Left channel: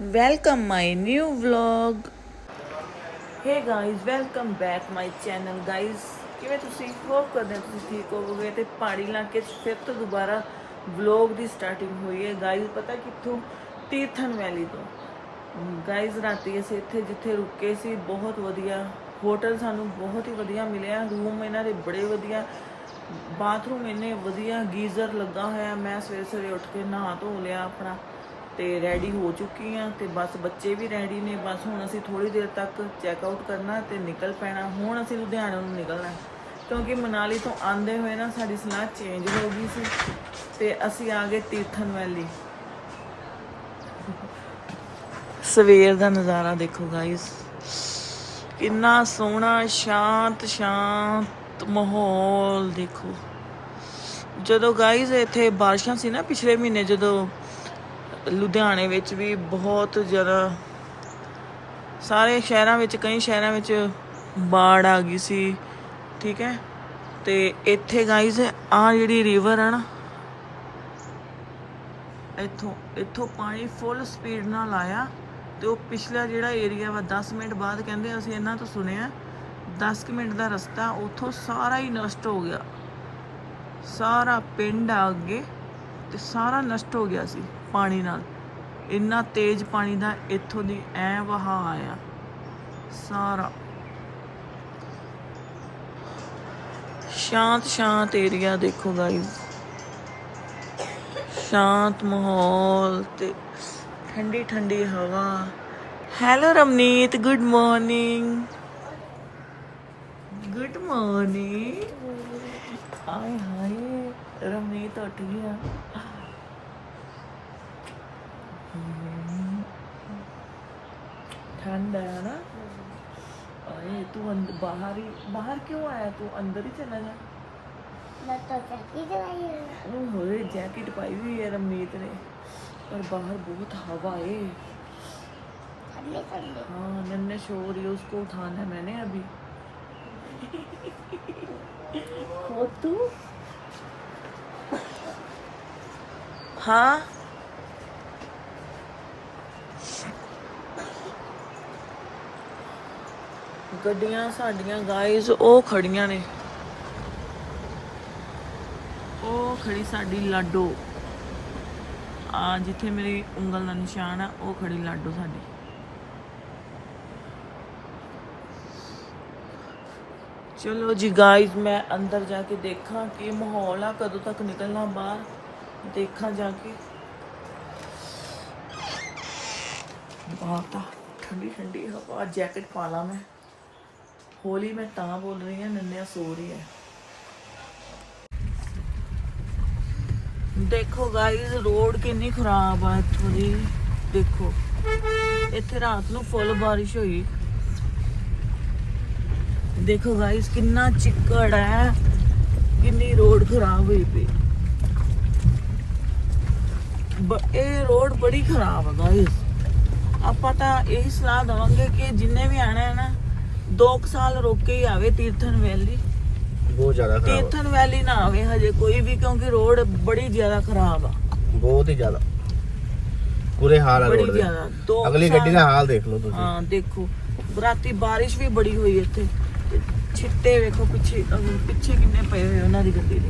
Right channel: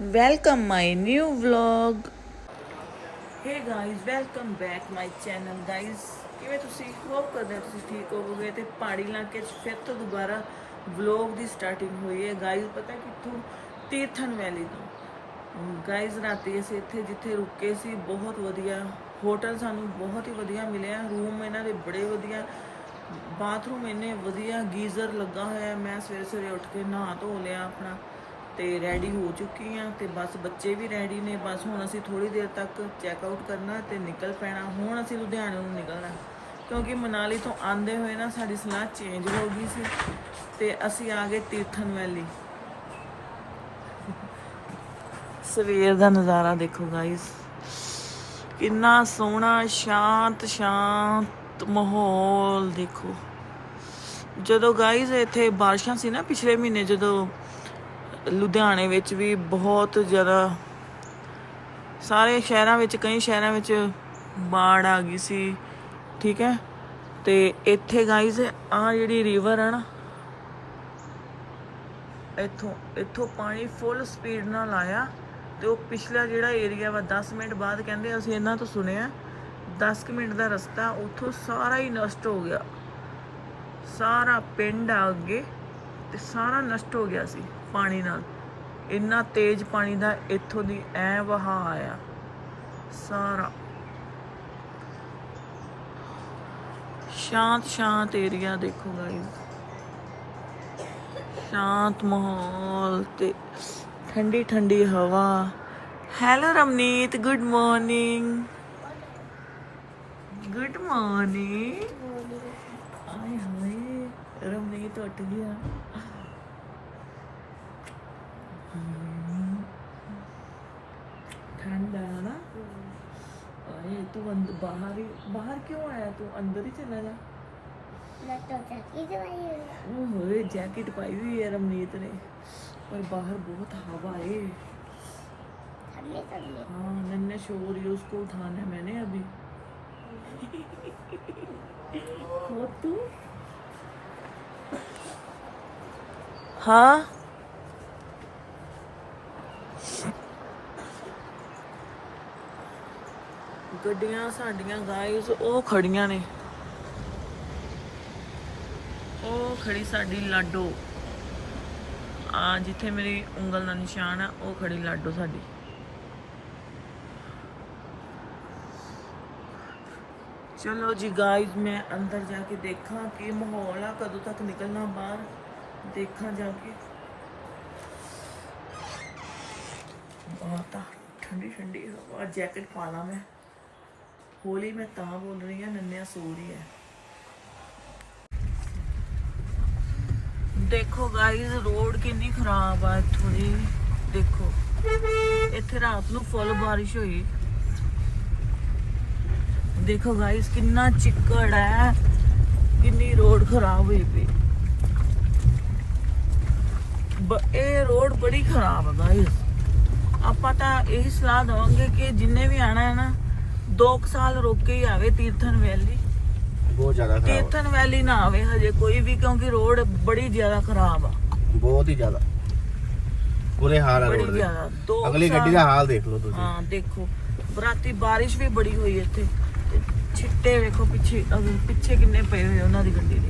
welcome my new vlog. Hey guys, welcome back my channel. Guys, ਕਿਵੇਂ ਤੁਸੀਂ? Hop ਕਰਦੇ ਹੋ ਤੁਸੀਂ ਠੀਕ ਹੋਵੋਗੇ ਤੇ ਪਹਾੜੀ ਇਲਾਕੇ 'ਚ ਫਿਰ ਤੋਂ ਦੁਬਾਰਾ ਵਲੌਗ ਦੀ ਸਟਾਰਟਿੰਗ ਹੋਈ ਹੈ। ਗਾਇਜ਼ ਪਤਾ ਕਿੱਥੋਂ? ਤੀਰਥਨ ਵੈਲੀ ਤੋਂ। ਗਾਇਜ਼ ਰਾਤੀ ਅਸੀਂ ਇੱਥੇ ਜਿੱਥੇ ਰੁਕੇ ਸੀ, ਬਹੁਤ ਵਧੀਆ ਹੋਟਲ ਸਾਨੂੰ ਬਹੁਤ ਹੀ ਵਧੀਆ ਮਿਲਿਆ। ਰੂਮ ਇਹਨਾਂ ਦੇ ਬੜੇ ਵਧੀਆ ਬਾਥਰੂਮ ਇੰਨੇ ਵਧੀਆ, ਗੀਜ਼ਰ ਲੱਗਾ ਹੋਇਆ। ਮੈਂ ਸਵੇਰੇ ਸਵੇਰੇ ਉੱਠ ਕੇ ਨਹਾ ਧੋ ਲਿਆ ਆਪਣਾ। ਤੇ ਰੈਡੀ ਹੋ ਚੁੱਕੀ ਆ ਤੇ ਬਸ ਬੱਚੇ ਵੀ ਰੈਡੀ ਨੇ, ਬਸ ਹੁਣ ਅਸੀਂ ਥੋੜੀ ਦੇਰ ਤੱਕ ਚੈੱਕ ਆਊਟ ਕਰਨਾ ਤੇ ਨਿਕਲ ਪੈਣਾ, ਹੁਣ ਅਸੀਂ ਲੁਧਿਆਣੇ ਨੂੰ ਨਿਕਲਣਾ। ਕਿਉਂਕਿ ਮਨਾਲੀ ਤੋਂ ਆਂਦੇ ਹੋਏ ਨਾ ਸਾਡੀ ਸਲਾਹ ਚੇਂਜ ਹੋ ਗਈ ਸੀ ਤੇ ਅਸੀਂ ਆ ਗਏ ਤੀਰਥਨ ਵੈਲੀ ਸਵੇਰ ਦਾ ਨਜ਼ਾਰਾ ਦੇਖੋ ਗਾਇਸ ਕਿੰਨਾ ਸੋਹਣਾ, ਸ਼ਾਂਤ ਸ਼ਾਂਤ ਮਾਹੌਲ ਦੇਖੋ। ਜਦੋਂ ਗਾਇਸ ਇੱਥੇ ਬਾਰਿਸ਼ਾਂ ਸੀ ਨਾ ਪਿਛਲੇ ਮਹੀਨੇ, ਜਦੋਂ ਲੁਧਿਆਣੇ ਵਿੱਚ ਵੀ ਬਹੁਤ ਜ਼ਿਆਦਾ ਸਾਰੇ ਸ਼ਹਿਰਾਂ ਵਿੱਚ, ਕਈ ਸ਼ਹਿਰਾਂ ਵਿੱਚ ਬਾੜ ਆ ਗਈ ਸੀ, ਠੀਕ ਹੈ? ਤੇ ਇੱਥੇ ਗਾਇਸ ਆ ਜਿਹੜੀ ਰਿਵਰ ਹੈ ਨਾ, ਇੱਥੋਂ ਇੱਥੋਂ ਪਾਣੀ ਫੁੱਲ ਸਪੀਡ ਨਾਲ ਆਇਆ ਤੇ ਉਹ ਪਿਛਲਾ ਜਿਹੜਾ ਏਰੀਆ ਵਾ 10 ਮਿੰਟ ਬਾਅਦ ਕਹਿੰਦੇ ਅਸੀਂ ਇਹਨਾਂ ਤੋਂ ਸੁਣਿਆ 10 ਕੁ ਮਿੰਟ ਦਾ ਰਸਤਾ ਉੱਥੋਂ ਸਾਰਾ ਹੀ ਨਸ਼ਟ ਹੋ ਗਿਆ। ਸਾਰਾ ਪਿੰਡ ਆ ਅੱਗੇ ਤੇ ਸਾਰਾ ਨਸ਼ਟ ਹੋ ਗਿਆ ਸੀ। ਪਾਣੀ ਨਾਲ। ਇੰਨਾ ਤੇਜ਼ ਪਾਣੀ ਦਾ ਇੱਥੋਂ ਦੀ ਐ ਵਹਾ ਆਇਆ। ਸਾਰਾ। ਸ਼ਾਂਤ ਸ਼ਾਂਤ ਏਰੀਆ ਦੇਖੋ ਗਾਇਜ਼ ਸ਼ਾਂਤ ਮਾਹੌਲ ਤੇ ਠੰਡੀ ਠੰਡੀ ਹਵਾ। Hello Ramneet good morning good morning ਆਏ ਹਾਏ, ਰਮਨੀਤ ਉੱਠ ਗਿਆ। ठंड है ना? अरे तू बाहर ही बाहर क्यों आया तू? अंदर ही चला जा। तो जैकेट पाई हुई है। रमनीत ने। पर बाहर बहुत हवा है। हाँ नन्हे शोर है उसको उठाना है मैंने अभी। हो तू? हाँ? ਗੱਡੀਆਂ, ਸਾਡੀਆਂ ਗਾਇਜ਼ ਉਹ ਖੜੀਆਂ ਨੇ। ਉਹ ਖੜੀ ਸਾਡੀ ਲਾਡੋ। ਆ ਜਿੱਥੇ ਮੇਰੀ ਉਂਗਲ ਦਾ ਨਿਸ਼ਾਨ ਆ, ਉਹ ਖੜੀ ਲਾਡੋ ਸਾਡੀ। ਚਲੋ ਜੀ ਗਾਇਜ਼ ਮੈਂ ਅੰਦਰ ਜਾ ਕੇ ਦੇਖਾਂ ਕੀ ਮਾਹੌਲ ਆ, ਕਦੋਂ ਤੱਕ ਨਿਕਲਣਾ ਬਾਹਰ। ਦੇਖਾਂ ਜਾ ਕੇ। ਬਹੁਤ ਆ ਠੰਡੀ ਠੰਡੀ ਹਵਾ, ਜੈਕਟ ਪਾ ਲਾ ਮੈਂ। ਹੋਲੀ ਮੈਂ ਤਾਂ ਬੋਲ ਰਹੀ ਹਾਂ, ਨੰਨਿਆ ਸੋ ਰਹੀ ਹੈ। ਦੇਖੋ ਗਾਇਜ਼ ਰੋਡ ਕਿੰਨੀ ਖਰਾਬ ਆ ਇੱਥੋਂ ਦੀ। ਦੇਖੋ, ਇੱਥੇ ਰਾਤ ਨੂੰ ਫੁੱਲ ਬਾਰਿਸ਼ ਹੋਈ। ਦੇਖੋ ਗਾਇਸ ਕਿੰਨਾ ਚਿੱਕੜ ਹੈ। ਕਿੰਨੀ ਰੋਡ ਖਰਾਬ ਹੋਈ ਪਈ। ਇਹ ਰੋਡ ਬੜੀ ਖਰਾਬ ਹੈ ਗਾਇਸ ਆਪਾਂ ਤਾਂ ਇਹੀ ਸਲਾਹ ਦਵਾਂਗੇ ਕਿ ਜਿੰਨੇ ਵੀ ਆਣਾ ਹੈ ਨਾ 2 ਸਾਲ ਰੁਕ ਕੇ ਹੀ ਆਵੇ ਤੀਰਥਨ ਵੈਲੀ। ਬਹੁਤ ਜ਼ਿਆਦਾ ਖਰਾਬ ਤੀਰਥਨ ਵੈਲੀ ਨਾ ਆਵੇ ਹਜੇ ਕੋਈ ਵੀ ਕਿਉਂਕਿ ਰੋਡ ਬੜੀ ਜ਼ਿਆਦਾ ਖਰਾਬ ਆ। ਬਹੁਤ ਹੀ ਜ਼ਿਆਦਾ। ਬੁਰੇ ਹਾਲ ਹੈ ਬੜੀ ਰੋਡ ਦੇ। ਜ਼ਿਆਦਾ। ਦੋ ਅਗਲੀ ਗੱਡੀ ਸਾਲ- ਦਾ ਹਾਲ ਦੇਖ ਲਓ ਤੁਸੀਂ। ਹਾਂ ਦੇਖੋ। ਰਾਤੀ ਬਾਰਿਸ਼ ਵੀ ਬੜੀ ਹੋਈ ਇੱਥੇ। ਤੇ ਛਿੱਟੇ ਵੇਖੋ ਪਿੱਛੇ ਅਗਰ ਪਿੱਛੇ ਕਿੰਨੇ ਪਏ ਹੋਏ ਉਹਨਾਂ ਦੀ ਗੱਡੀ ਦੇ।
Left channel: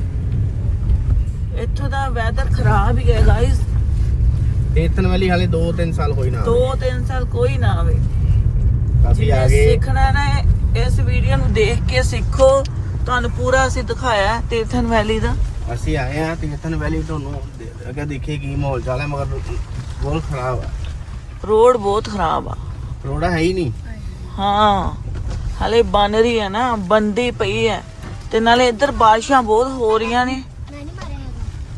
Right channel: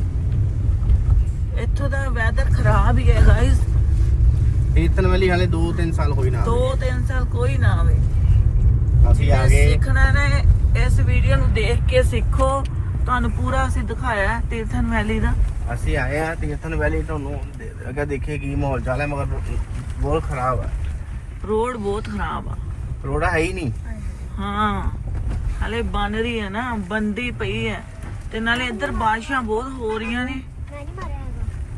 ਇੱਥੋਂ ਦਾ ਵੈਦਰ ਖਰਾਬ ਹੀ ਹੈ ਗਾਇਸ ਤੀਰਥਨ ਵਾਲੀ ਹਾਲੇ 2-3 ਸਾਲ ਹੋਈ ਨਾ ਦੋ ਤਿੰਨ ਸਾਲ ਕੋਈ ਨਾ ਆਵੇ। ਅਸੀਂ ਆ ਜਿਹਨੇ ਗਏ ਸਿੱਖਣਾ ਨਾ ਇਸ ਵੀਡੀਓ ਨੂੰ ਦੇਖ ਕੇ ਸਿੱਖੋ। ਤੁਹਾਨੂੰ ਪੂਰਾ ਅਸੀਂ ਦਿਖਾਇਆ ਹੈ ਤੀਰਥਨ ਵੈਲੀ ਦਾ। ਅਸੀਂ ਆਏ ਆ ਤੀਰਥਨ ਵੈਲੀ ਤੁਹਾਨੂੰ ਦੇ- ਅੱਗੇ ਦੇਖੇ ਕੀ ਮਾਹੌਲ ਚਾਲ ਹੈ ਮਗਰ ਬਹੁਤ ਖਰਾਬ ਆ। ਰੋਡ ਬਹੁਤ ਖਰਾਬ ਆ। ਰੋੜਾ ਹੈ ਹੀ ਨਹੀਂ। ਹਾਂ ਹਲੇ ਬਣ ਰਹੀ ਹੈ ਨਾ ਬੰਦੀ ਪਈ ਹੈ। ਤੇ ਨਾਲੇ ਇੱਧਰ ਬਾਰਿਸ਼ਾਂ ਬਹੁਤ ਹੋ ਰਹੀਆਂ ਨੇ।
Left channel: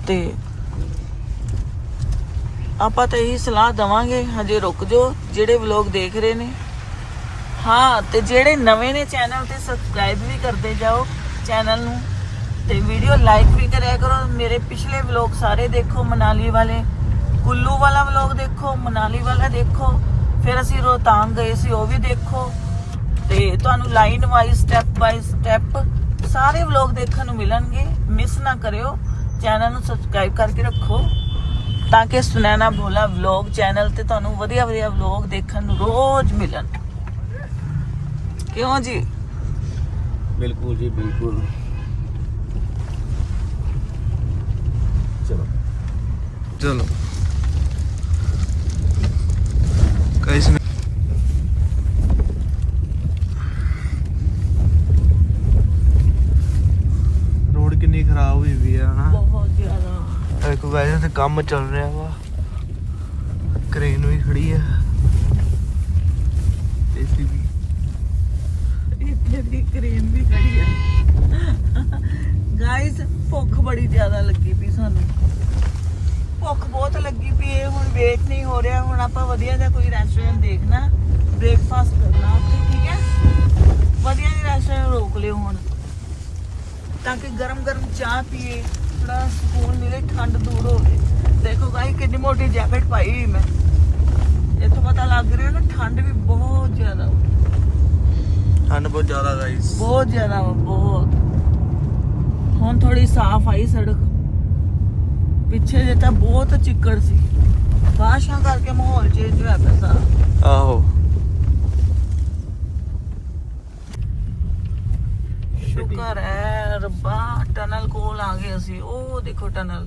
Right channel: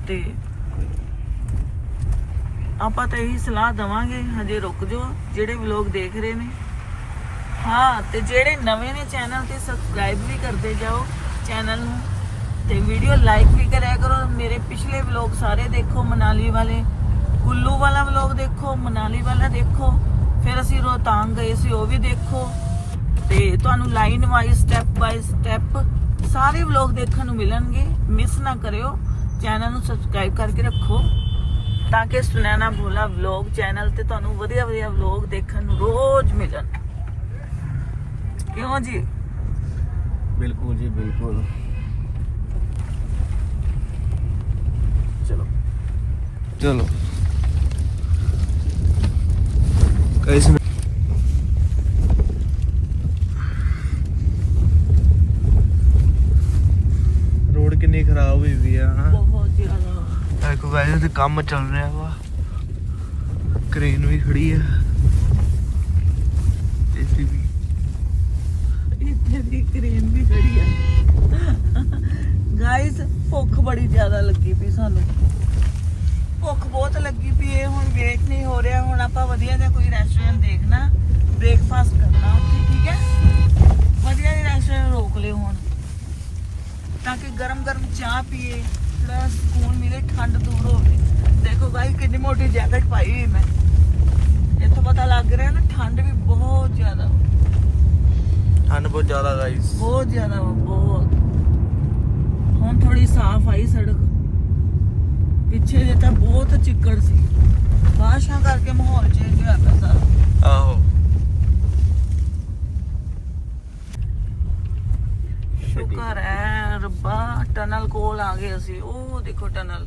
ਤੇ ਆਪਾਂ ਤਾਂ ਇਹੀ ਸਲਾਹ ਦਵਾਂਗੇ ਹਜੇ ਰੁਕ ਜਾਓ ਜਿਹੜੇ ਵਲੌਗ ਦੇਖ ਰਹੇ ਨੇ। ਹਾਂ, ਤੇ ਜਿਹੜੇ ਨਵੇਂ ਨੇ ਚੈਨਲ ਤੇ ਸਬਸਕ੍ਰਾਈਬ ਵੀ ਕਰਦੇ ਜਾਓ ਚੈਨਲ ਨੂੰ, ਤੇ ਵੀਡੀਓ ਲਾਈਕ ਵੀ ਕਰਿਆ ਕਰੋ। ਮੇਰੇ ਪਿਛਲੇ ਵਲੌਗ ਸਾਰੇ ਦੇਖੋ, ਮਨਾਲੀ ਵਾਲੇ। ਕੁੱਲੂ ਵਾਲਾ ਵਲੌਗ ਦੇਖੋ, ਮਨਾਲੀ ਵਾਲਾ ਦੇਖੋ। ਫਿਰ ਅਸੀਂ ਰੋਹਤਾਂਗ ਗਏ ਸੀ, ਉਹ ਵੀ ਦੇਖੋ। ਤੇ ਤੁਹਾਨੂੰ line wise step by step ਸਾਰੇ ਵਲੌਗ ਦੇਖਣ ਨੂੰ ਮਿਲਣਗੇ। ਮਿਸ ਨਾ ਕਰਿਓ ਚੈਨਲ ਨੂੰ ਸਬਸਕ੍ਰਾਈਬ ਕਰਕੇ ਰੱਖੋ। ਤਾਂ ਕਿ ਸੁਨੈਣਾ ਭੋਲਾ ਵਲੌਗ ਚੈਨਲ ਤੇ ਤੁਹਾਨੂੰ ਵਧੀਆ ਵਧੀਆ ਵਲੌਗ ਦੇਖਣ ਨੂੰ ਰੋਜ਼ ਮਿਲਣ। ਕਿਉਂ ਜੀ? ਬਿਲਕੁਲ ਜੀ ਬਿਲਕੁਲ। ਚਲੋ। ਚਲੋ। ਰੋਡ ਕਿੰਨੀ ਖਰਾਬ ਹੋਈ ਵੀ ਆ ਹਨਾ? ਬਹੁਤ ਜ਼ਿਆਦਾ। ਇੱਕ ਵੈਸੇ ਤੇ ਕੰਮ ਚੱਲ ਰਿਹਾ ਵਾ। ਕ੍ਰੇਨ ਵੀ ਖੜੀ ਆ। ਪਈ ਸਾਨੂੰ। ਭੁੱਖ ਬਹੁਤ ਲੱਗੀ ਪਈ ਹੈ ਹੁਣ ਵੇਟ ਨਹੀਂ ਹੋ ਰਿਹਾ ਹੁਣ ਆਪਾਂ ਵਧੀਆ ਜਿਹਾ ਕੋਈ ਰੈਸਟੋਰੈਂਟ ਦੇਖਣਾ ਬ੍ਰੇਕਫਾਸਟ ਕਰਨਾ ਉੱਥੇ ਠੀਕ ਹੈ? ਵਧੀਆ ਜਿਹਾ ਰੈਸਟੋਰੈਂਟ ਰੋਕ ਲਿਓ ਹੁਣ ਤਾਂ ਕਿ ਗਰਮ ਗਰਮ ਚਾਹ ਪੀਏ ਥੋੜਾ ਸਕੂਨ ਮਿਲੇ ਠੰਡ ਦੂਰ ਹੋਵੇ। ਦੇਖੋ ਗਾਈ ਕਿੰਨੀ ਮੋਟੀ ਜੈਕਟ ਪਾਈ ਹੋਈ ਮੈਂ। ਇੱਥੋਂ ਪਤਾ ਲੱਗ ਰਿਹਾ ਨਾ ਠੰਡ ਵੀ ਬਹੁਤ ਜ਼ਿਆਦਾ। ਠੰਡ ਬਹੁਤ ਜ਼ਿਆਦਾ ਗਾਈਸ ਬਹੁਤ ਜ਼ਿਆਦਾ ਬਹੁਤ। ਹੁਣ ਥੋੜੀ ਸਾਫ਼ ਆਈ ਸੜਕ। ਪਿੱਛੇ ਜੇ ਤਾਂ ਬਹੁਤ ਚਿੱਕੜ ਸੀ। ਬਾਰਿਸ਼ਾਂ ਕਰਕੇ ਮਾਹੌਲ ਚੇਂਜ ਹੋਇਆ ਪਿਆ ਸਾਰਾ। ਆਹੋ। ਸ਼ੁਕਰ ਹੈ ਰੱਬਾ ਟਨਲ ਕੋਲ ਆ ਗਏ ਅਸੀਂ। ਉਹ ਦੇਖੋ ਟਨਲ।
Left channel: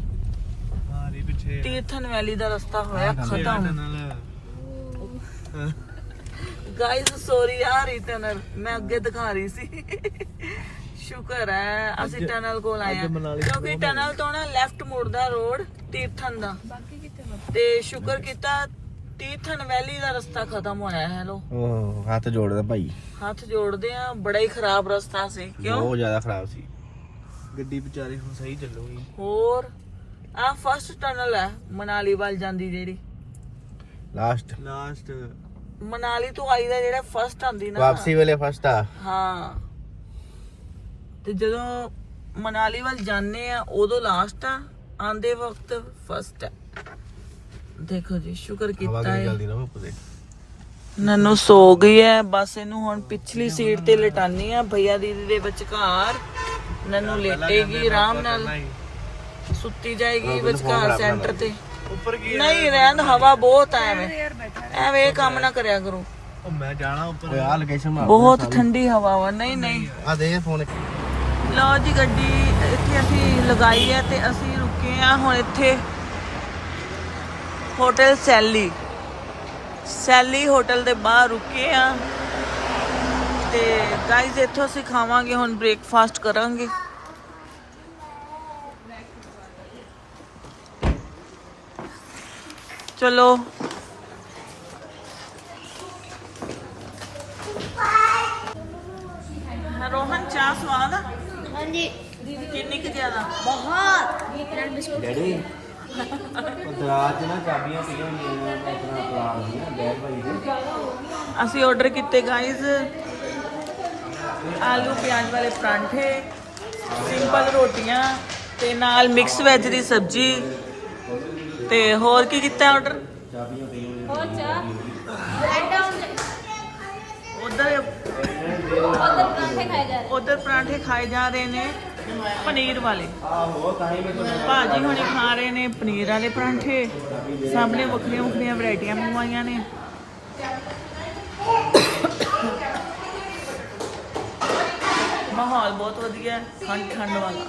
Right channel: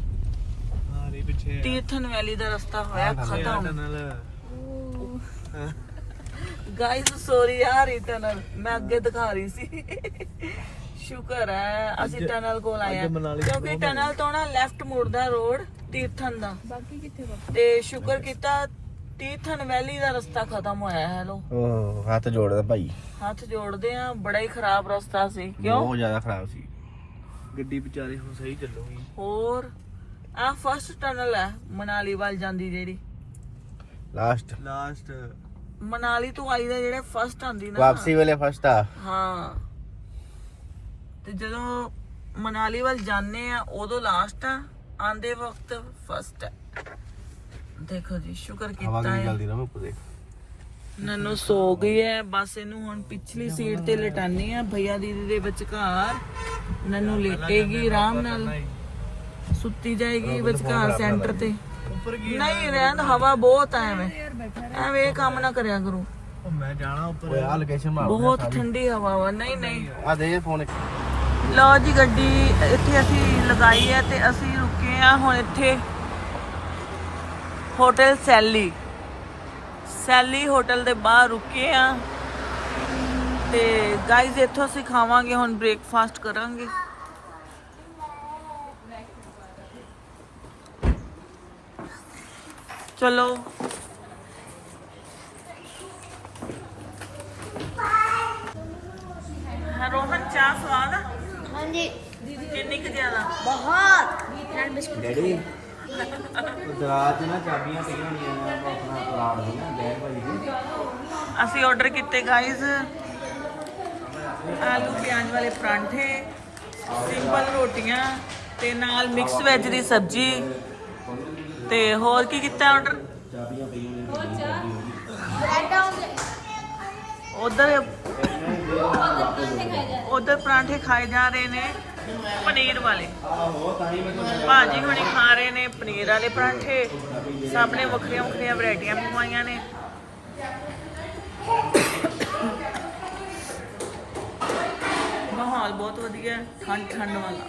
ਹਾਂ ਨਹੀਂ ਪਿੱਛੇ ਤੀਰਥਨ ਵੈਲੀ ਦਾ ਰਸਤਾ ਹੋਇਆ ਖਤਮ। ਗਾਇਸ ਸੌਰੀ ਯਾਰ ਇਹ ਟਨਲ। ਮੈਂ ਅੱਗੇ ਦਿਖਾ ਰਹੀ ਸੀ। ਸ਼ੁਕਰ ਹੈ ਅਸੀਂ ਅੱਜ- ਟਨਲ ਕੋਲ ਅੱਜ ਆਏ ਹਾਂ। ਮਨਾਲੀ ਕਿਉਂਕਿ ਤੋਂ ਟਨਲ ਤੋਂ ਨਾ ਲੈਫਟ ਮੁੜਦਾ ਰੋਡ ਤੀਰਥਨ ਦਾ। ਬਾਕੀ ਕਿੱਥੇ ਤੇ ਸ਼ੁਕਰ ਕੀਤਾ ਤੀਰਥਨ ਵੈਲੀ ਦਾ ਰਸਤਾ ਖਤਮ ਹੋਇਆ ਹੈ ਲੋ ਓਹ ਹੱਥ ਜੋੜਦਾ ਭਾਈ। ਹੱਥ ਜੋੜਦੇ ਆ ਬੜਾ ਹੀ ਖਰਾਬ ਰਸਤਾ ਸੀ ਕਿਉਂ? ਬਹੁਤ ਜ਼ਿਆਦਾ ਖਰਾਬ ਸੀ। ਗੱਡੀ ਵਿਚਾਰੀ ਹੁਣ ਸਹੀ ਚੱਲੂਗੀ। ਹੋਰ ਆ ਫਸਟ ਟਨਲ ਹੈ ਮਨਾਲੀ ਵੱਲ ਜਾਂਦੀ ਜਿਹੜੀ। ਲਾਸਟ ਲਾਸਟ ਮਨਾਲੀ ਤੋਂ ਆਈ ਦਾ ਜਿਹੜਾ ਫਸਟ ਆਂਦੀ ਨਾ। ਵਾਪਸੀ ਵੇਲੇ ਫਸਟ ਆ। ਹਾਂ। ਤੇ ਜਦੋਂ ਮਨਾਲੀ ਵੱਲ ਜਾਂਦੇ ਆ ਉਦੋਂ ਲਾਸਟ ਆ ਆਂਦੇ ਵਕਤ ਫਸਟ ਹੈ ਦੇਖੋ ਜੀ ਸ਼ੁਕਰ ਕੀਤਾ ਹੈ ਰਹੇ ਨਨੂ ਸੋ ਗਈ ਹੈ ਬਸ ਇਹਨੂੰ ਹੁਣ ਪਿਛਲੀ ਸੀਟ ਤੇ ਲਟਾਨੀ ਆ ਭਈਆ ਦੀਦੀ ਦੇ ਵਿਚਕਾਰ। ਨਨੂ ਲੇਟੇਗੀ ਆਰਾਮ ਨਾਲ ਸੁੱਤੀ ਜਾਏਗੀ ਵਿਚਕਾਰ ਸੈਂਟਰ ਤੇ। ਉੱਪਰ ਕੀ ਨਹੀਂ ਰਹਿਣ ਹਵਾ ਬਹੁਤ ਐ ਐਵੇਂ। ਐਵੇਂ ਇਹ ਕੰਮ ਨਾ ਕਰਿਆ ਕਰੋ। ਉਹ ਮੈਂ ਜਾਣਾ ਉੱਪਰ। ਆ ਲੋਕੇਸ਼ਨ ਮਾਰ ਬਹੁਤ ਠੰਡੀ ਹਵਾ ਵਾ। ਨਹੀਂ ਨਹੀਂ। ਆ ਦੇ ਫੋਨ ਲਓ ਜੀ ਗੱਡੀ ਇੱਥੇ ਅਸੀਂ ਲਗਾਈ ਹੈ ਤੇ ਅਸੀਂ ਰੁਕੇ ਆ ਹੁਣ ਇੱਥੇ ਹੋਟਲ ਸੈਲੀ। ਸੈਲੀ ਹੋਟਲ ਦੇ ਬਾਹਰ ਰੁਕੇ ਆ ਤੇ ਗਾਈਜ਼ ਇੱਥੋਂ ਅਸੀਂ ਖਾਵਾਂਗੇ, ਹੁਣ ਬ੍ਰੇਕਫਾਸਟ ਕਰਾਂਗੇ। ਚਲੋ। ਰੋਹਨ, ਚਾਹ ਸਵਾਦ ਆ? ਅਸੀਂ ਆਰਡਰ ਕੀਤੇ ਗਾਇਜ਼ ਆਲੂ ਪਿਆਜ਼ ਵਾਲੇ ਪਰਾਂਠੇ ਸਿੰਪਲ ਰੋਟੀਆਂ ਤੇ ਨਾਲ ਮਿਕਸ ਵੈਜ ਦੀ ਸਬਜੀ। ਤੇ ਹੋਰ ਕੀ ਕੀਤਾ ਆਰਡਰ ਚਾਬੀਆਂ ਪਈਆਂ ਨੇ ਹੋਰ ਚਾਹ। ਬ੍ਰੈਡ ਆਮਲੇਟ ਉਧਰ ਉਧਰ ਪਰਾਂਠੇ ਖਾਏ ਜਾ ਰਹੇ ਨੇ ਪਨੀਰ ਵਾਲੇ। ਭਾਜੀ ਹੁਣੇ ਖਾ ਰਹੇ ਨੇ ਪਨੀਰ ਵਾਲੇ ਪਰਾਂਠੇ। ਸਾਹਮਣੇ ਵੱਖਰੀਆਂ ਵੱਖਰੀਆਂ ਵੈਰਾਈਟੀਆਂ ਮੰਗਵਾਈਆਂ ਨੇ। ਮਾਹੌਲ ਬਹੁਤ ਵਧੀਆ ਠੰਡ ਠੰਡ ਵਾਲਾ।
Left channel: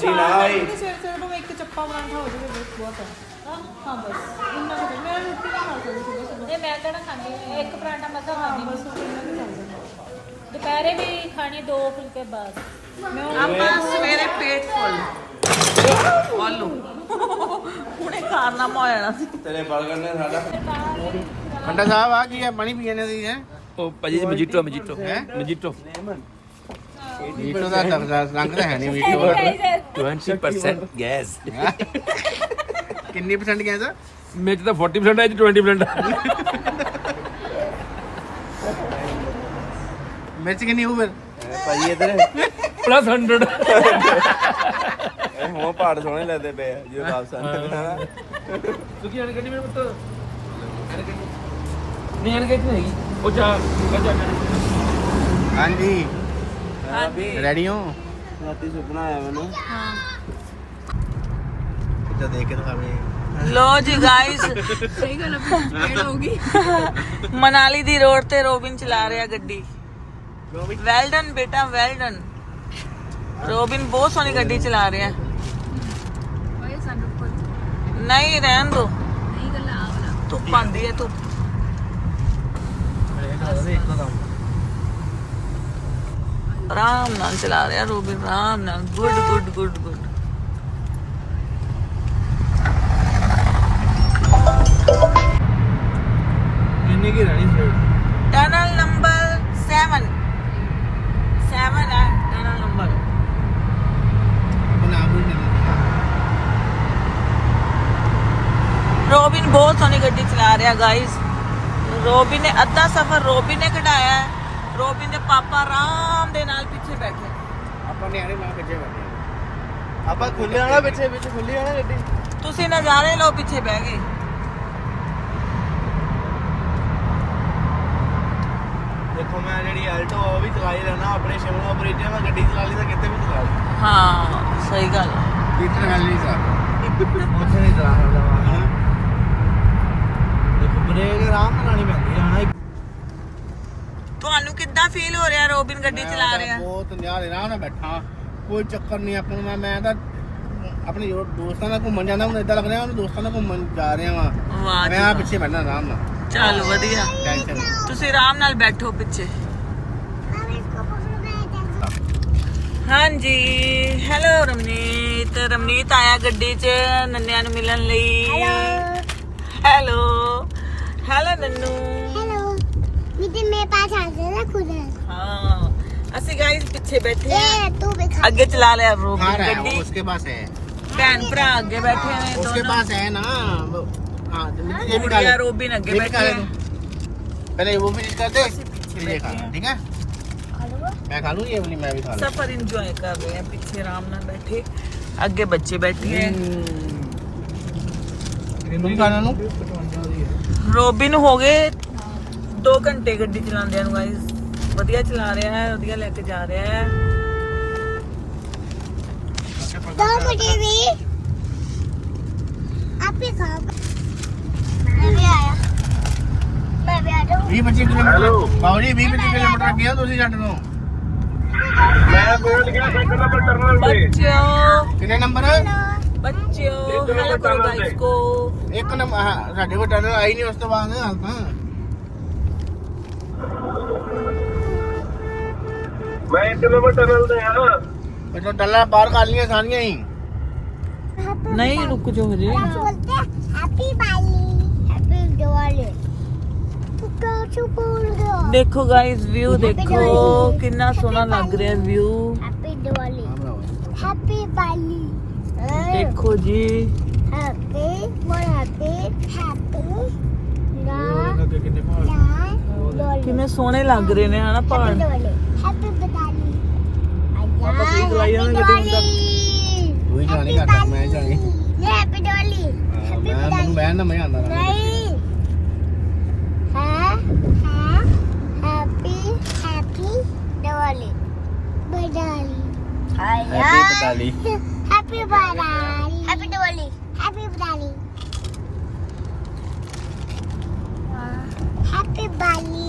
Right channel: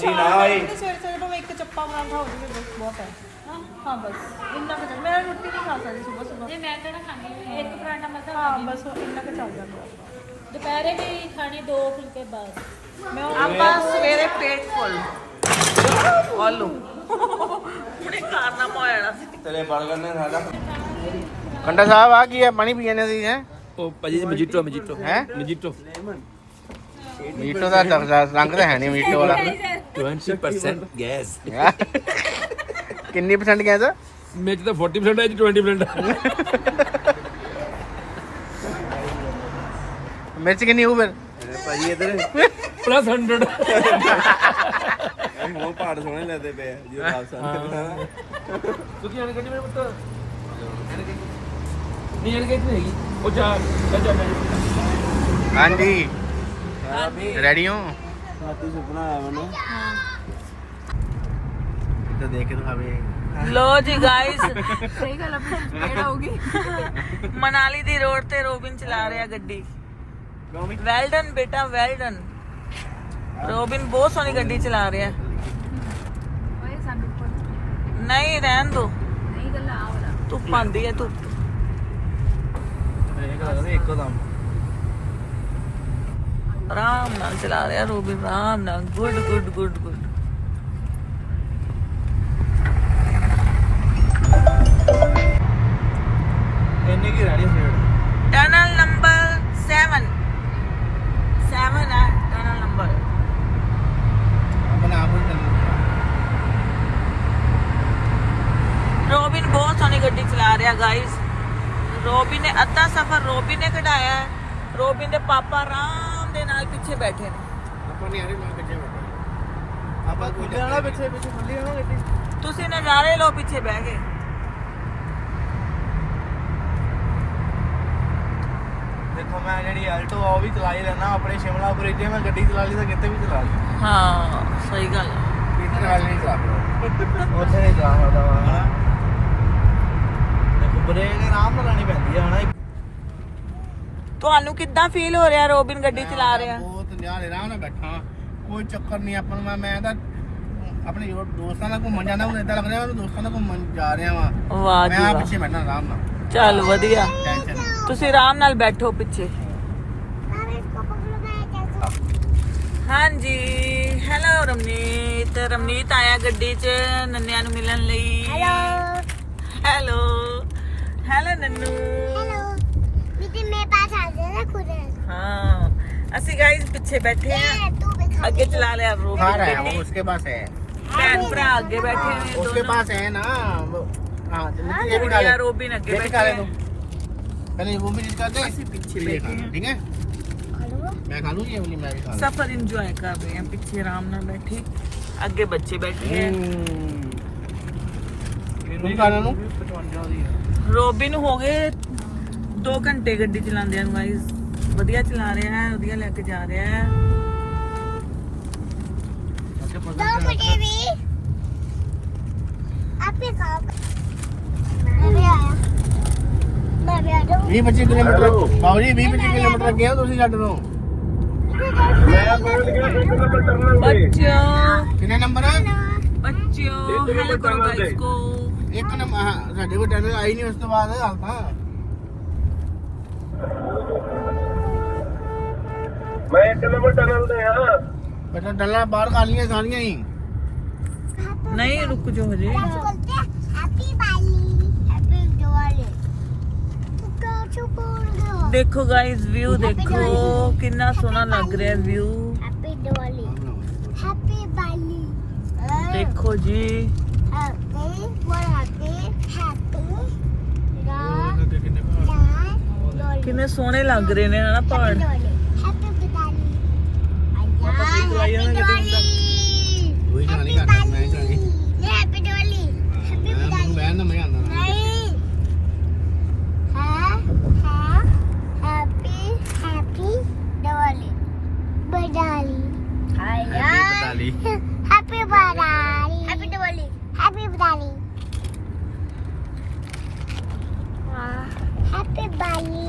ਸਬਜ਼ੀ ਨਾ ਹੋਈ ਸਵੇਰੇ ਸਵੇਰੇ ਨੂੰ ਇੱਕ ਚੱਪਾ ਮਾਰ ਹੋ ਗਈ ਬਹੁਤ ਹੈ ਹਾਂ ਬਸ। ਇੰਨਾ ਕੁ- ਮੈਂ ਰੋਟੀ ਨਹੀਂ ਖਾ ਸਕਦੀ ਸਵੇਰ ਸਵੇਰ ਇਹ ਮੈਂ ਕਿਹੜਾ ਖਾਂਦੀ ਹਾਂ? ਇੱਕ ਪਰਾਂਠਾ ਮਸਾਂ ਖਾਂਦੀ ਹਾਂ। ਬਸ ਇੰਨਾ ਕੁ ਚੱਲ ਜਾਂਦਾ ਦੁਪਹਿਰੇ ਵੀ ਖਾਣੇ ਦੋ ਫੁਲਕੇ ਬਸ। ਆਪਾਂ ਸਵੇਰੇ ਪੇਟ ਫੁੱਲ। ਆਲੂ। ਹੁਣੇ ਖਾਣਾ ਪਾਇਆ ਸੀ ਤੇਰੇ ਬਰਗਰ ਨੇ ਸਾਡਾ। ਕੰਡਾ ਸਾਹਿਬ ਆ ਕੀ ਹੈ ਪਾਣੀ ਪੀਣੇ ਦੀ ਹੈ ਉਹ ਭਾਜੀ ਮਜੀਟੋ ਮਜੀਟੋ ਹੈ? ਮਜੀਟੋ ਮੀਟੋ ਦਾ ਰ- ਰੰਗ ਤਾਂ ਹੈ ਨਹੀਂ ਮੀਟੋ ਵਾਲਾ। 20% ਗੈਸ ਕਿੰਨੀ ਪਰਸੈਂਟ ਗਿਆ ਤਾਂ ਮੇਚ ਤਾਂ 40% ਹੈ ਜੀ 20% ਹੈ ਮਿਰਚ ਕਿੰਨੀ ਹੋਊ ਫਿਰ? ਭਾਈ ਇਧਰ। ਪਲੱਸ 100 ਮੂੰਹ ਪਾੜ ਸੋਹਣੇ ਲੱਗਦੇ ਪਏ ਆ ਜੋ ਵਾਪਸ ਆਉਂਦੇ ਤੁਸੀਂ ਹਣ ਗੱਡੀ ਮੇਰੇ ਪੁੱਤ? ਨਹੀਂ ਹਣ ਗੱਡੀ ਨਹੀਂ ਹੈਗੀ। ਉਹ ਜਾ ਜਾ ਮੇਰੇ ਹਾਂਜੀ। ਹਾਂਜੀ। ਰੈਡੀ ਹੋ? ਰਾਤੀ ਸੁਪਨਾ ਆਇਆ ਮੈਨੂੰ। ਹਾਂ। ਕਿਤੇ ਦੇਖ ਕੇ ਦਿਖਾਵੇ। ਲੋ ਜੀ ਗਾਇਸ ਸਹੀ ਗੱਲ ਆ ਹੋਗੀ ਮਨਾਲੀ ਦੀ ਰੋਡ ਤੇ ਰੋਬਿਨ ਚਲਾ ਰਿਹਾ ਗੱਡੀ। ਵੈਲ ਡਨ ਬੇਟਾ ਵੈਲ ਡਨ ਰੋਬਿਨ ਬਹੁਤ ਸੋਹਣੀ ਗੱਡੀ ਚਲਾ ਰਿਹਾ। ਨਹੀਂ ਰਹਿਣ ਦੋ। ਨਹੀਂ ਗੱਲਾਂ ਧੁੱਪ ਆਂਦੀ ਹੈ ਧੁੱਪ। ਆਰਾਮ ਨਾਲ ਚਲਾ ਰਿਹਾ ਰੋਬਿਨ ਆਰਾਮ ਨਾਲ। Good good good good. ਇੰਨੇ ਕੀ ਰਹਿਣੀ ਫੇਰ ਟਨਲ ਨੰਬਰ 7 7 ਰੋਬਿਨ ਬਹੁਤ ਸੋਹਣੀ ਗੱਡੀ ਚਲਾ ਰਿਹਾ ਗਾਇਸ ਰੋਬਿਨ ਨੇ ਅੱਧਾ ਸਫ਼ਰ ਰੋਬਿਨ ਨੇ ਕਢਾਇਆ। ਰੋਬਿਨ ਦੇ ਪਾਪਾ ਰਾਮ ਪਿੱਛੇ ਬੈਠੇ ਨੇ। ਆਪਾਂ ਨਿਆਰੇ ਨਾਲ ਪਿੱਛੇ ਬੈਠੇ ਆਪਾਂ ਖੁੱਲੇ ਆਣਾ ਪਿੱਛੇ ਵਿੱਚ ਖੁੱਲੀ ਆਣਾ ਗੱਡੀ। ਤੁਸੀਂ ਨਜ਼ਾਰੇ ਲਓ ਪਿੱਛੇ ਬਹਿ ਕੇ। ਦੇਖੋ ਮੈਂ ਜਿਹੜੀ ਆਲਟੋ ਆ ਉਹ ਵੀ ਚਲਾਈ ਲੈਣਾ ਆਪਣੇ ਸ਼ਿਮਲਾ ਉੱਪਰ ਜੇ ਮੈਂ ਗੱਡੀ ਚਲਾ ਲਈ ਤਾਂ ਕਿਤੇ ਵੀ ਚਲਾ ਲਈ। ਹਾਂ ਸਹੀ ਗੱਲ ਹੈ ਕਿਤੇ ਨਾਲ ਨਹੀਂ ਚਲਾ ਉੱਥੇ ਨਹੀਂ ਚਲਾ ਸਕਦਾ ਹਾਂ। ਦੇਖੋ ਬ੍ਰੇਕ ਆਰਾਮ ਨਾਲ ਲਾਣੀ ਪੈਂਦੀ ਆ ਹਣਾ ਤੁਹਾਨੂੰ ਕਿੱਦਾਂ ਫੀਲ ਹੋ ਰਿਹਾ ਰੋਬਿਨ ਗੱਡੀ ਚਲਾ ਰਿਹਾ? ਬਹੁਤ ਨਿਆਰੇ ਆਰਾਮ ਨਾਲ ਬੈਠਾ। ਕੋਈ ਚੱਕਰ ਨਹੀਂ ਆਪਾਂ ਨੂੰ ਮੈਂ ਮੈਂ ਤਾਂ ਆਪਣੇ ਜੋ ਦੋਸਤਾਂ ਨਾਲ ਘੁੰਮਣ ਜਾਂਦਾ ਹੁਣ ਇਦਾਂ ਲੱਗ ਰਿਹਾ ਮੈਂ ਦੋਸਤਾਂ ਨਾਲ ਘੁੰਮਣ ਜਾ ਰਿਹਾ ਵਾਂ। ਵਾਹ ਜੀ ਮੈਂ ਆ ਵਾਹ। ਪਿੱਛੇ ਬੈਠਣਾ ਆਰਾਮ ਨਾਲ। ਚੱਲ ਵਧੀਆ। ਟੈਨਸ਼ਨ ਨਹੀਂ। ਤੁਸੀਂ ਆਰਾਮ ਨਾਲ ਬੈਠੋ ਪਿੱਛੇ। ਹਾਂਜੀ। ਹੈਲੋ ਰਮਨੀਤ। ਰਮਨੀਤ ਆਇਆ ਗੱਡੀ 'ਚ ਨੰਨਿਆਂ ਨੂੰ ਮਿਲਣ ਲਈ। हेलो ਹੈਲੋ ਹੈਲੋ ਨੰਨੂ। ਅਸੀਂ ਗਾਇਸ ਪਿੱਛੇ ਬੈਠੇ ਆ ये तू भी खा ਅੱਗੇ ਚਲਾ ਲਿਆ कार ਰੋਬਿਨ है ਗੱਡੀ उसके पास है ਭੈਣ ਭਰਾ ਅੱਗੇ ਬੈਠੇ ਨੇ उसके ਦੋਨੋਂ पास है ना हाँ ये ਗੁੜੀਆ निकाल- ਰੋਬਿਨ ਅੱਗੇ ये ਬੈਠੇ निकाल ਨੇ दो। पहले वो फिनिश करते ਅਸੀਂ ਪਿੱਛੇ फिर ये ਬੈਠੇ खा ਆ ठीक है मैं खा लूँ ये वाली मैं भी खा लूँ ਸਫਰ ਇੰਜੋਏ ਕਰ ਰਹੇ ਆ ਪਿੱਛੇ ਆਰਾਮ ਨਾਲ ਬੈਠੇ ਅੱਗੇ ਬੱਚੇ ਬੈਠੇ ਆ नहीं खाना नू ਰੋਬਿਨ ਹੋ ਗਏ 2 ਘੰਟੇ ਗੱਡੀ ਚਲਾਉਂਦਿਆਂ ਨੂੰ ਗਾਇਸ ਵਧੀਆ ਚਲਾ ਰਿਹਾ ਹੈ ਵਧੀਆ ਲੈ ਕੇ ਜਾ ਰਿਹਾ ਹੈ तो मुझे भी आप भी खाओ मैं भी आया मैं भी आ जाऊँ 20 25 ਕਿਲੋਮੀਟਰ ਆਓ ਜੀ 20 25 ਕਿਲੋਮੀਟਰ ਗਿਆ ਤੁਸੀਂ ਛੱਡ ਨੂੰ ਬੱਚਿਓ ਕਿੰਨੇ ਨੰਬਰ ਬੱਚਿਓ ਹੈਲੋ ਕਰੋ ਗਾਇਸ ਕੋ ਇੱਕ ਨੰਬਰ ਹਾਂ ਸਾਡੇ ਕੋਲ ਟਨਲ ਆਈ ਨਹੀਂ ਉਸ ਤੋਂ ਬਾਅਦ ਹਾਂ मैं इतने में दे यार तो बाहर सानिया ही। नहीं रुक जो मुझे। देखो गाइस व्यू देखो। कितना सोना लग रहा है व्यू देखो जी। कितने सोने लग रहे ने है ना पहाड़। Happy Diwali. Ui, Johnny cả đọc mẹ Johnny. Happy Diwali. Mẹ Happy bé Happy mấy Happy đó. Happy Diwali. Happy Diwali. Happy Diwali. Happy Diwali. Happy Diwali. Happy Diwali.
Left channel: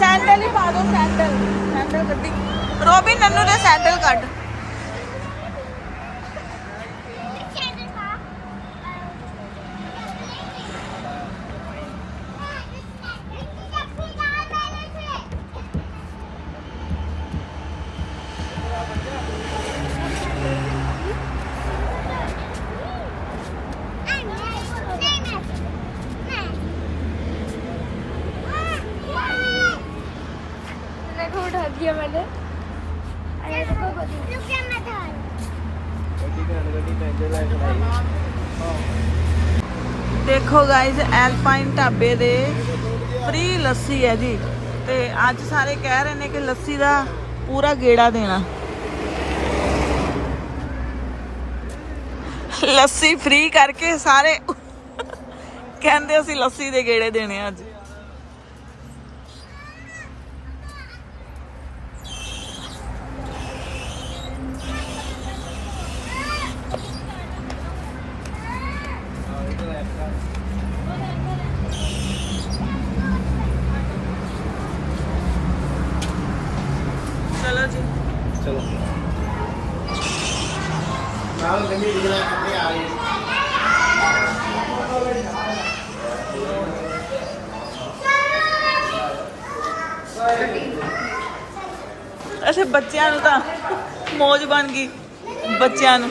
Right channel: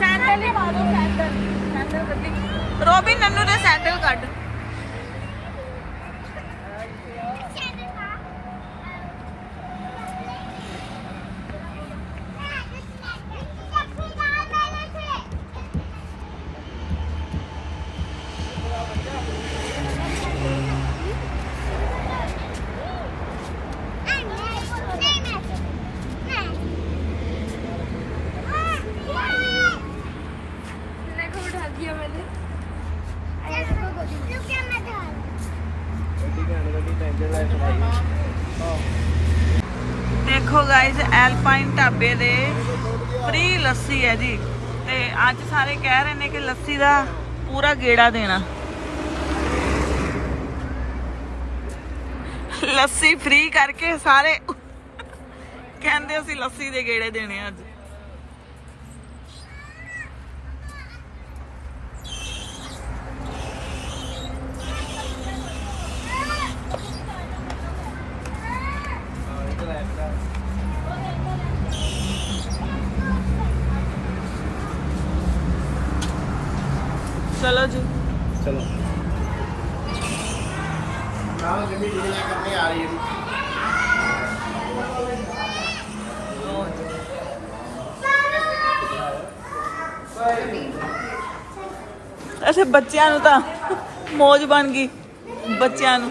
Sandal ਹੀ ਪਾ ਦੋ ਸੈਂਡਲ। ਸੈਂਡਲ ਕੱਢੀ। Robin Nannu ਦੇ sandal ਕੱਢ। उठा दिया मैंने रुक जा मैं था ਦੇਖੋ ਗਾਇਸ ਐਲਪਾਈਨ ਢਾਬੇ ਦੇ ਫ੍ਰੀ ਲੱਸੀ ਹੈ ਜੀ ਤੇ ਅੱਜ ਸਾਰੇ ਕਹਿ ਰਹੇ ਨੇ ਕਿ ਲੱਸੀ ਦਾ ਪੂਰਾ ਗੇੜਾ ਦੇਣਾ ਲੱਸੀ ਫ੍ਰੀ ਕਰਕੇ ਸਾਰੇ ਕਹਿੰਦੇ ਅਸੀਂ ਲੱਸੀ ਦੇ ਗੇੜੇ ਦੇਣੇ ਆ ਅੱਜ ਅੱਛਾ, ਬੱਚਿਆਂ ਨੂੰ ਤਾਂ ਮੌਜ ਬਣ ਗਈ, ਬੱਚਿਆਂ ਨੂੰ।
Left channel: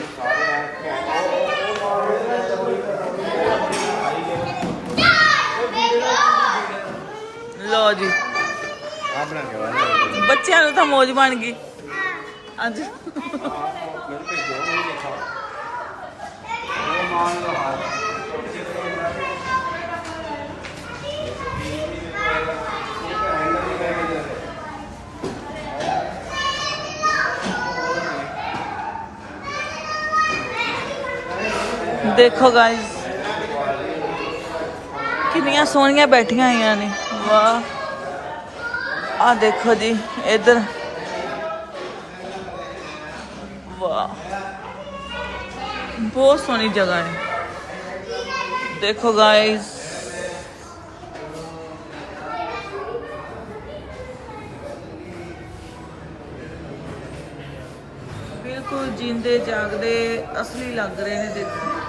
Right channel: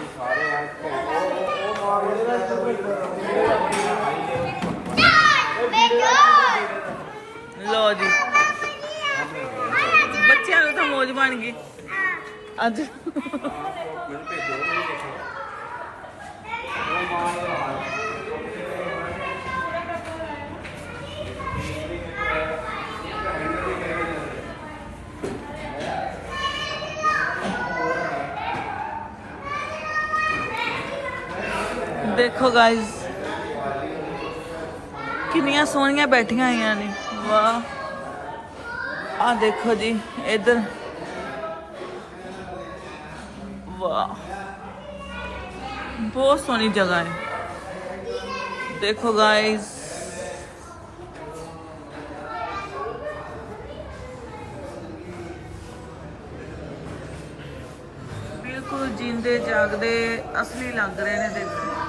ਲੋ ਜੀ। ਬੱਚਿਆਂ ਨੂੰ ਤਾਂ ਮੌਜ ਬਣ ਗਈ। ਅੱਜ। ਦੇਖੋ ਗਾਇਸ ਕਿੰਨੀਆਂ ਸੋਹਣੀਆਂ ਬੈਠੀਆਂ ਹੋਈਆਂ ਨੇ। ਵਾਹ। ਆ ਦੇਖੋ ਜੀ, ਇੱਧਰ। ਵਾਹ। ਬਹੁਤ ਸੋਹਣੀ ਜਗ੍ਹਾ ਹੈ। ਦੇਖੋ ਗਾਇਸ ਬਿਲਕੁਲ ਜਿੰਦੇ ਜਾਗਦੇ ਅਸਲੀ ਲੱਗ ਰਹੇ ਨੇ ਦੇਖੋ।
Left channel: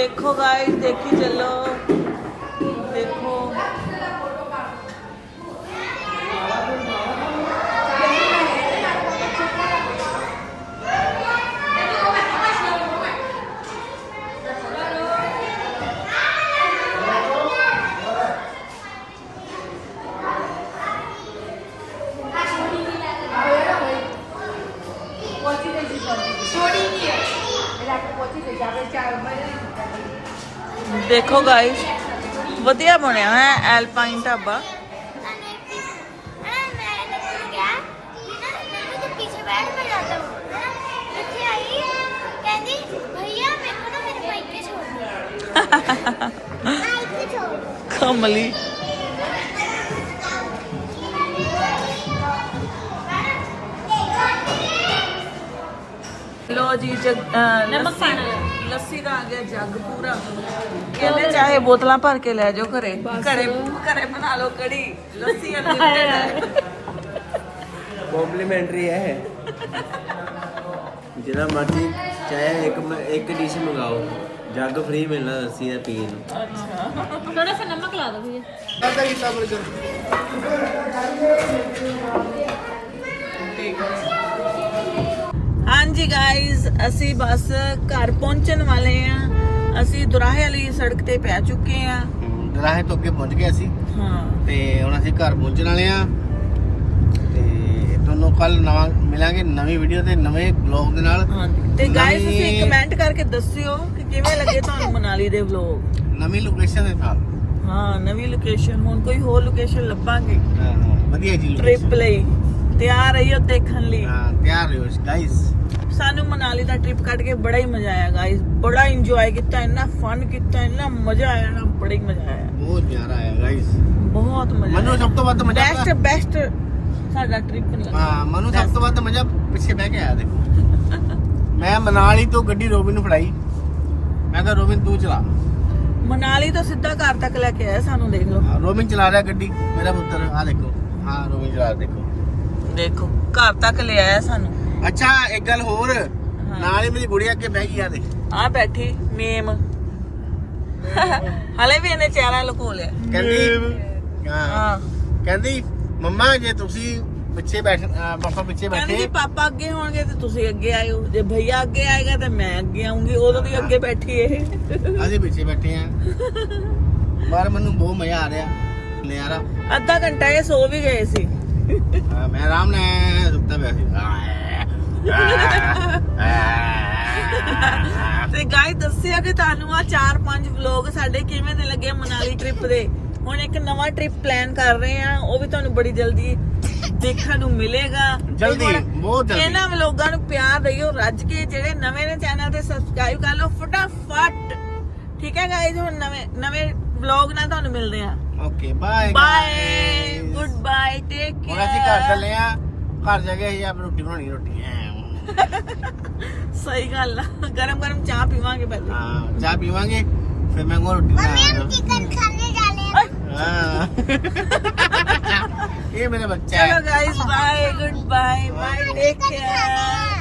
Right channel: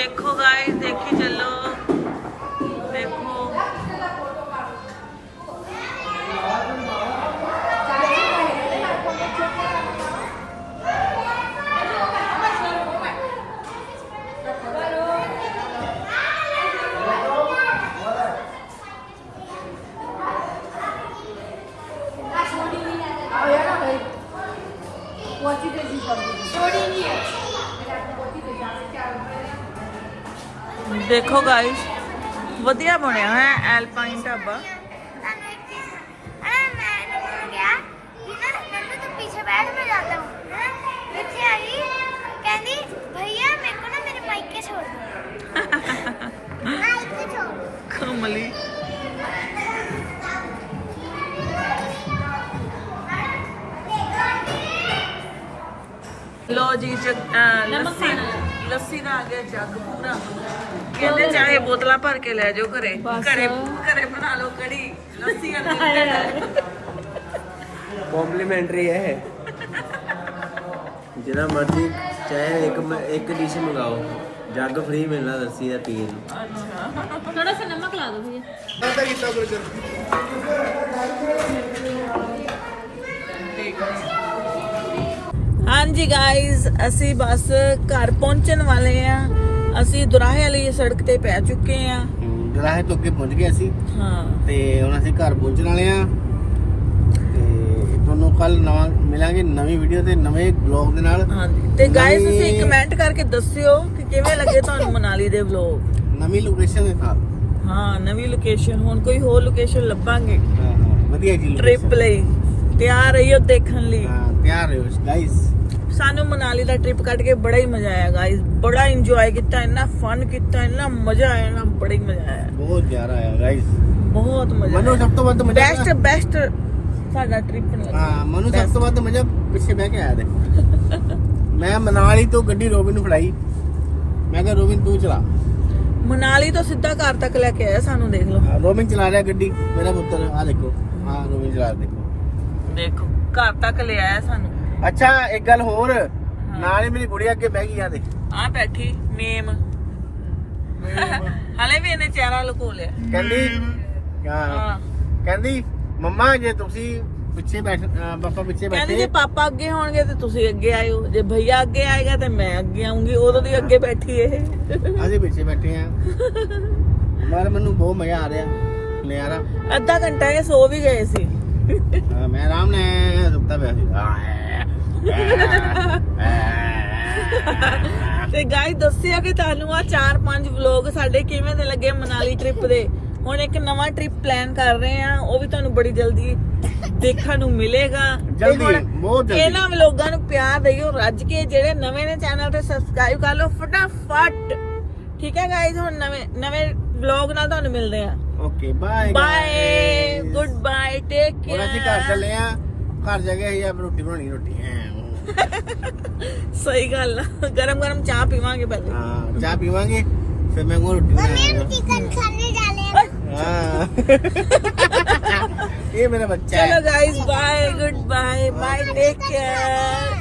ਦੇਖੋ ਗਾਇਸ ਦੇਖੀ ਚੱਲੋ ਦੇਖੋ ਦੇਖੋ ਗਾਇਸ ਵਧੀਆ ਬਣਿਆ ਹੋਇਆ ਹੈ ਐਲਪਾਈਨ ਢਾਬਾ। ਕਮਲੀ। ਲੋ ਜੀ ਨਮਕ ਪਾਣਾ ਲੱਸੀ ਦਾ ਆ ਗਿਆ ਜੱਗ ਪੂਰਾ ਕਹਿੰਦੇ ਚਾਹੇ ਬੋਤਲਾਂ ਭਰ ਕੇ ਲੈ ਜਾਓ ਘਰੇ ਘਰੇ ਘਰੇ ਬਣਾ ਲਓ ਕੜੀ ਲੱਸੀ ਅਨਲਿਮਿਟਡ ਹੈ ਕੰਪਲੀਮੈਂਟਰੀ ਹੈ ਜਿਹੜਾ ਮਰਜ਼ੀ ਚਾਹੇ ਇੱਕ ਮ- ਇੱਕ ਡਿਸ਼ ਮੰਗਾਓ ਜੱਗ ਫ੍ਰੀ ਮਿਲਣਾ ਲੱਸੀ ਦਾ ਪੀਣ ਨੂੰ थोड़ा सा नमक ला दो भैया ਹਾਂਜੀ ਗਾਇਜ਼ ਅਸੀਂ ਬਸ ਘਰ ਪਹੁੰਚਣ ਵਾਲੇ ਆ। ਅਸੀਂ ਦੁਰਾਹੇ ਵਾਲੀ ਸੜਕ ਤੇ ਪੈ ਚੁੱਕੇ ਆ। ਦਰਾਹੇ ਤੋਂ ਅੱਗੇ ਪਹੁੰਚ ਗਏ ਅਸੀਂ। ਹਾਂ। ਤੇ ਹੁਣ ਅਸੀਂ ਘਰ ਪਹੁੰਚਣ ਵਾਲੇ ਆ। ਤੇ ਦੋਨੋਂ ਕੱਲ ਨਵਾਂ ਮਿਲਾਂਗੇ ਨਵੀਂ ਵੀਡੀਓ ਤੇ ਨਵੇਂ ਬਲੌਗ ਦੇ ਨਾਲ। ਤੇ ਗਾਇਸ ਨਵੀਂ- ਤੁਸੀਂ ਕਮੈਂਟ ਕਰਕੇ ਦੱਸਿਓ ਕਿ ਕਿਵੇਂ ਲੱਗੇ ਤੁਹਾਨੂੰ ਮਨਾਲੀ ਦੇ ਵਲੌਗ ਨਵੀਂ ਲੋਕੇਸ਼ਨ ਦੇ ਤਾਂ। ਹਾਂ ਨਵੀਂ ਲੋਕੇਸ਼ਨ ਹੁਣ ਕੋਈ ਹੋਰ ਲੋਕੇਸ਼ਨ ਲੱਭਾਂਗੇ। ਵਧੀਆ ਜੀ ਟ੍ਰਿਪ। ਲਈ। ਤਿਆਰ ਰਹੀਓ ਦੇਖਣ ਲਈ। ਹਾਂ ਤਿਆਰ ਰਹੋ ਗਾਇਸ ਸਾਨੂੰ ਮਨਾਲੀ ਦਾ ਟ੍ਰਿਪ ਕੱਢ ਕੇ ਬੜਾ ਹੀ ਮਜ਼ਾ ਆਇਆ ਗਾਇਸ ਬੜਾ ਇੰਜੋਏ ਕੀਤਾ ਇੰਨਾ ਫਨ ਕੀਤਾ ਇੰਨਾ ਮਜ਼ਾ ਆਇਆ ਨਾ ਬੜਾ ਹੀ ਮਜ਼ਾ ਆਇਆ। ਬਹੁਤ ਪਿਆਰਾ ਆਇਆ ਗਾਇਸ ਬਹੁਤ ਮਜ਼ਾ ਮੈਨੂੰ ਸਭ ਤੋਂ ਵੱਧ ਮਜ਼ਾ ਬੈਸਟ ਬੈਸਟ ਸਾਡਾ ਟ੍ਰਿਪ ਲੱਗਾ ਹਾਂ ਮੈਨੂੰ ਸਭ ਤੋਂ ਵੱਧ ਮਜ਼ਾ ਪਿੱਛੇ ਬਹਿ ਕੇ ਆਇਆ ਦੇ ਮੈਂ ਮਨਾਲੀ ਤੋਂ ਗੱਡੀ ਰੋਬਿਨ ਨੂੰ ਫੜਾਈ। ਮੈਂ ਕਿਹਾ ਰੋਬਿਨ ਤੂੰ ਚਲਾ। ਮਨਾਲੀ ਤੋਂ ਸਿੱਧਾ ਘਰ ਤੱਕ ਲੈ ਕੇ ਆਇਆ ਸਾਨੂੰ ਦੇਖ ਲਓ। ਰੋਬਿਨ ਚਲਾ ਰਿਹਾ ਗੱਡੀ। ਮੇਰਾ ਪੁੱਤਰ ਆ ਦੇਖੋ। ਹਾਂ ਰੋਬਿਨ ਚਲਾ ਰਿਹਾ, ਦੇਖੋ। ਦੇਖੋ ਘਰ ਤੱਕ ਲੈ ਆਇਆ ਸਾਨੂੰ। ਅੱਛਾ ਇੱਕ ਗੱਲ ਹੋਰ। ਨਾਲ ਹੀ ਮੇਰੀ ਗੁੜੀਆ ਅੱਗੇ ਬਹਿ ਗਈ ਆ ਦੇ ਆ ਬੈਠੀ ਮੇਮ ਹਲੇ ਵੀ ਇਹਨੇ ਚਿਹਰਾ ਲੁਕੋ ਲਿਆ। ਕਹਿੰਦੀ ਹਾਂ। ਕਹਿੰਦੀ ਮੰਮਾ ਜੇ ਤੁਸੀਂ ਪਿੱਛੇ ਬੈਠ ਪਾਪਾ ਪਿੱਛੇ ਕਹਿੰਦੀ ਜੇ ਬੈਠੇ ਪਾਪਾ ਅੱਗੇ ਹੋਣਗੇ ਤੇ ਤੁਸੀਂ ਅੱਗੇ ਆਇਓ। ਜੇ ਭਈਆ ਅੱਗੇ ਆਏਗਾ ਤੇ ਮੈਂ ਅੱਗੇ ਆਉਂਗੀ ਉਦੋਂ ਦੀ ਅੱਗੇ ਬੈਠੀ ਇਹ। ਅਸੀਂ ਪਿੱਛੇ ਬੈਠੇ ਆ। ਪਰ ਮੈਨੂੰ ਬਹੁਤ ਮਜ਼ਾ ਆ ਰਿਹਾ ਨਜ਼ਾਰਾ। ਅੱਧਾ ਘੰਟਾ ਇਹ ਸੋ ਵੀ ਗਏ ਸੀ। ਹਾਂ, ਮੈਂ ਆਰਾਮ ਨਾਲ ਸੁੱਤਾ ਪਿਆ ਸੀ। ਤੇ ਗਾਈ ਦੱਸਿਆ ਕਿ ਤੁਹਾਨੂੰ ਆ 4-5 ਵਲੌਗ ਸਾਡੇ ਕਿਵੇਂ ਦੇ ਲੱਗੇ ਮਨਾਲੀ ਟ੍ਰਿਪ ਦੇ? ਹੁਣ ਇੱਕ ਨਵਾਂ ਟ੍ਰਿਪ ਪਲਾਨ ਕਰ ਰਹੇ ਆ ਉਹ ਵੀ ਤੁਹਾਨੂੰ ਬੜੀ ਜਲਦੀ ਦੇਖਣ ਨੂੰ ਮਿਲੇਗਾ। ਜਲਦੀ, ਬਹੁਤ ਜਲਦੀ। ਇਹਨਾਂ ਵਲੌਗਾਂ ਨੂੰ ਪਿਆਰ ਦਿਓ ਰੱਜ ਕੇ ਜਿਹੜੇ ਨਵੇਂ ਨੇ ਚੈਨਲ ਤੇ ਸਬਸਕ੍ਰਾਈਬ ਕਰ ਲਓ ਫਟਾਫਟ। ਠੀਕ ਹੈ ਗਾਈਜ਼ ਹੁਣ ਨਵੇਂ ਨਵੇਂ ਵਲੌਗ ਨਾਲ ਤੁਹਾਨੂੰ ਮਿਲਦੇ ਆ okay bye bye good bye take ਹੁਣ ਅਸੀਂ ਘਰ ਕੇਅਰ ਚੱਲੇ ਆ ਘਰ ਜਾ ਕੇ ਅਸੀਂ ਆਪ ਰੋਟੀ ਬਣਾਉਣੀ ਰੋਟੀ। सही गल गरम गरम चाह पीवांगे हाँ, चाह हाँ फिर मैं रोटी मम्मी हाँ। ये मेरा बच्चा चलो guys bye good bye bye take care